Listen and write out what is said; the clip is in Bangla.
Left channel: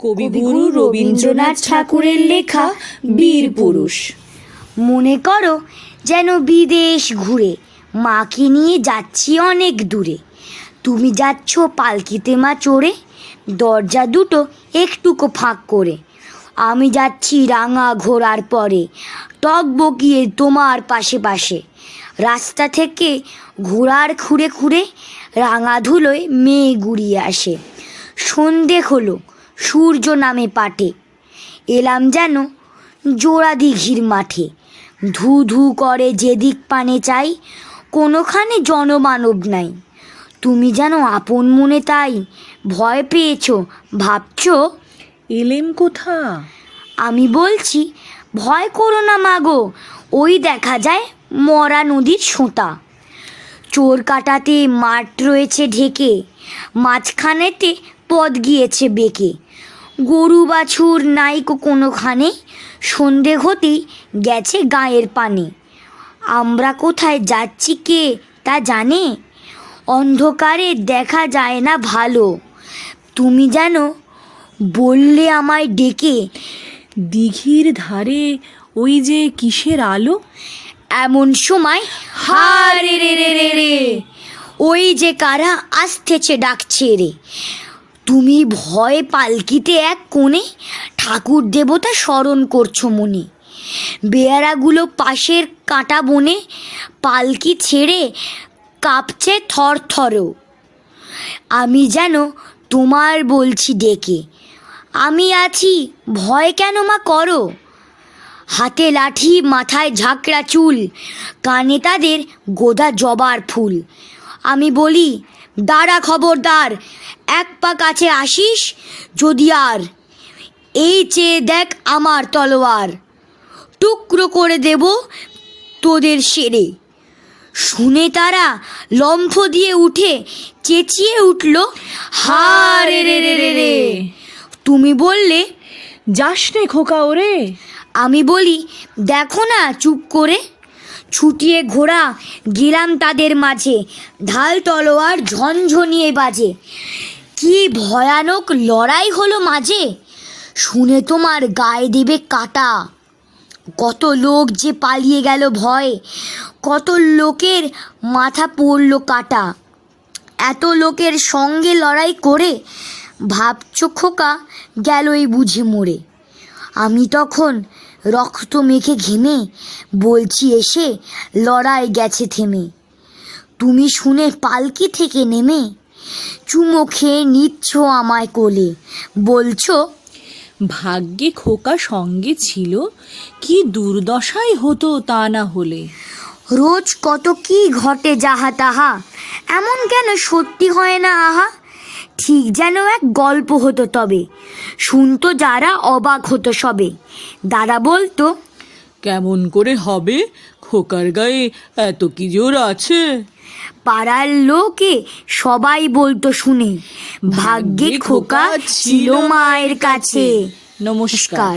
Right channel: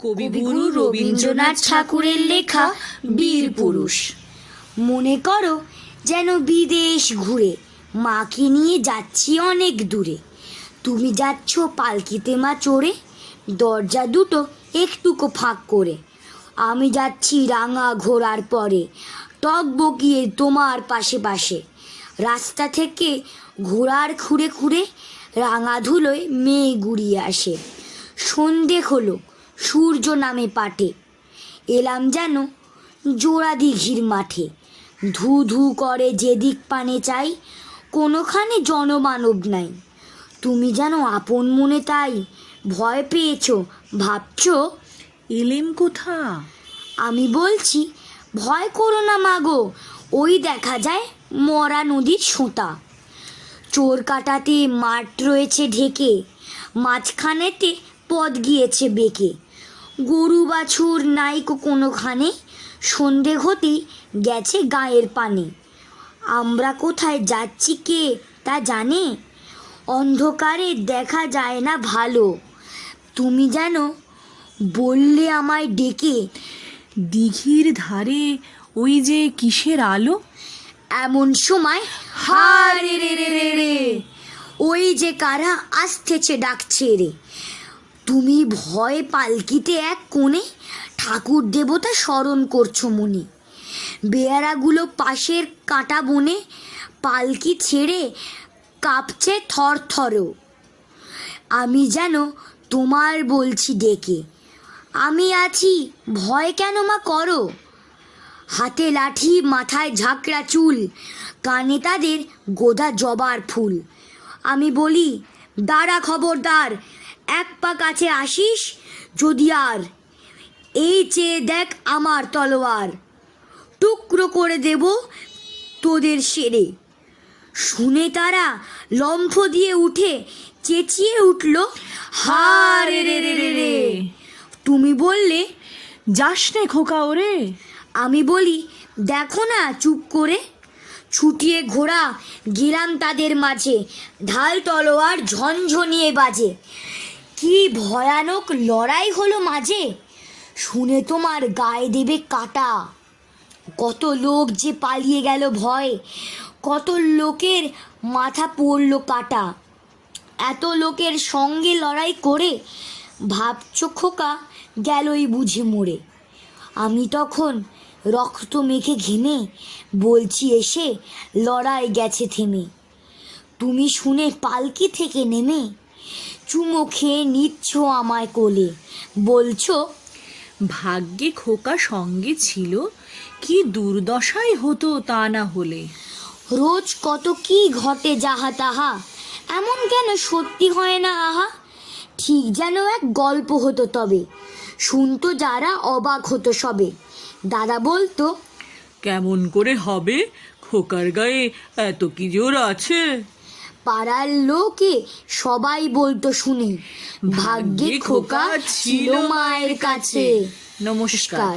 কবিগুরু রবীন্দ্রনাথ ঠাকুরের লেখা বীর পুরুষ। মনে করো যেন বিদেশ ঘুরে মাকে নিয়ে যাচ্ছি অনেক দূরে। তুমি যাচ্ছ পালকিতে মা চড়ে, দরজা দুটো একটুকু ফাঁক করে। আমি যাচ্ছি রাঙা ঘোড়ার পরে, টকবকিয়ে তোমার পাশে পাশে। রাস্তা থেকে ঘোড়ার খুঁড়ে খুঁড়ে রাঙা ধুলোয় মেয়ে গুড়িয়ে আসে। সন্ধে হলো, সূর্য নামে পাটে, এলাম যেন জোড়া দিঘির মাঠে। ধু ধু করে যেদিক পানে চাই, কোনোখানে জনমানব নাই। তুমি যেন আপন মনে তাই ভয় পেয়েছো, ভাবছো এলেম কোথা? আমি বলছি ভয় করো না মাগো, ওই দেখা যায় মরা নদীর সোঁতা। চোর কাটাতে মাঠ রয়েছে ঢেকে, মাঝখানেতে পথ গিয়েছে বেঁকে। গরু বাছুর নাইকো কোনোখানে, সন্ধে হতেই গেছে গায়ের পানে। আমরা কোথায় যাচ্ছি কে তা জানে, অন্ধকারে দেখা যায় না ভালো। তুমি যেন বললে আমায় ডেকে, দিঘির ধারে ওই যে কিসের আলো? এমন সময় হারে রে রে রে রে, ওই যে কারা আসতেছে ডাকছে রে। তুমি ভয়ে পালকিতে এক কোণে ঠাকুর দেবতা স্মরণ করছো মনে। বেয়ারাগুলো পাশের কাঁটা বনে পালকি ছেড়ে কাঁপছে থর থরও। আমি যেন তোমার বলছি ডেকে, আমি আছি, ভয় কেন মা করো। হাতে লাঠি, মাথায় ঝাঁকড়া চুল, কানে তাদের গোদা জবার ফুল। আমি বলি দাঁড়া খবরদার, এক পা কাছে আসিস যদি আর, এই চেয়ে দেখ আমার তলোয়ার, টুকরো করে দেব তোদের সেরে। শুনে তারা লম্ফ দিয়ে উঠে চেঁচিয়ে উঠল, হারে রে রে রে রে। তুমি বললে যাস রে খোকা ওরে। আমি বলি দেখো না চুপ করে। ছুটিয়ে ঘোড়া গেলাম তাদের মাঝে, ঢাল তলোয়ার ঝনঝনিয়ে বাজে। কি ভয়ানক লড়াই হলো মাঝে, শুনে তোমার গায়ে দেবে কাটা। কত লোক যে পালিয়ে গেল ভয়ে, কত লোকের মাথা পড়ল কাটা। এত লোকের সঙ্গে লড়াই করে ভাবছ খোকা গেলই বুঝি মরে। আমি তখন রক্ত মেখে ঘেমে বলছি এসে লড়াই গেছে থেমে। তুমি শুনে পালকি থেকে নেমে চুমো খেয়ে নিচ্ছ আমায় কোলে, বলছো ভাগ্যে খোকা সঙ্গে ছিল, কি দুর্দশাই হতো তা না হলে। রোজ কত কি ঘটে যাহা তাহা, এমন কেন সত্যি হয় না আহা। ঠিক যেন এক গল্প হতো তবে, শুনতো যারা অবাক হতো সবে। দাদা বলতো কেমন করে হবে, খোকার গায়ে এত কি জোর আছে। পাড়ার লোকে সবাই বলতো শুনে, ভাগ্যে খোকা ছিল মায়ের কাছে। নমস্কার।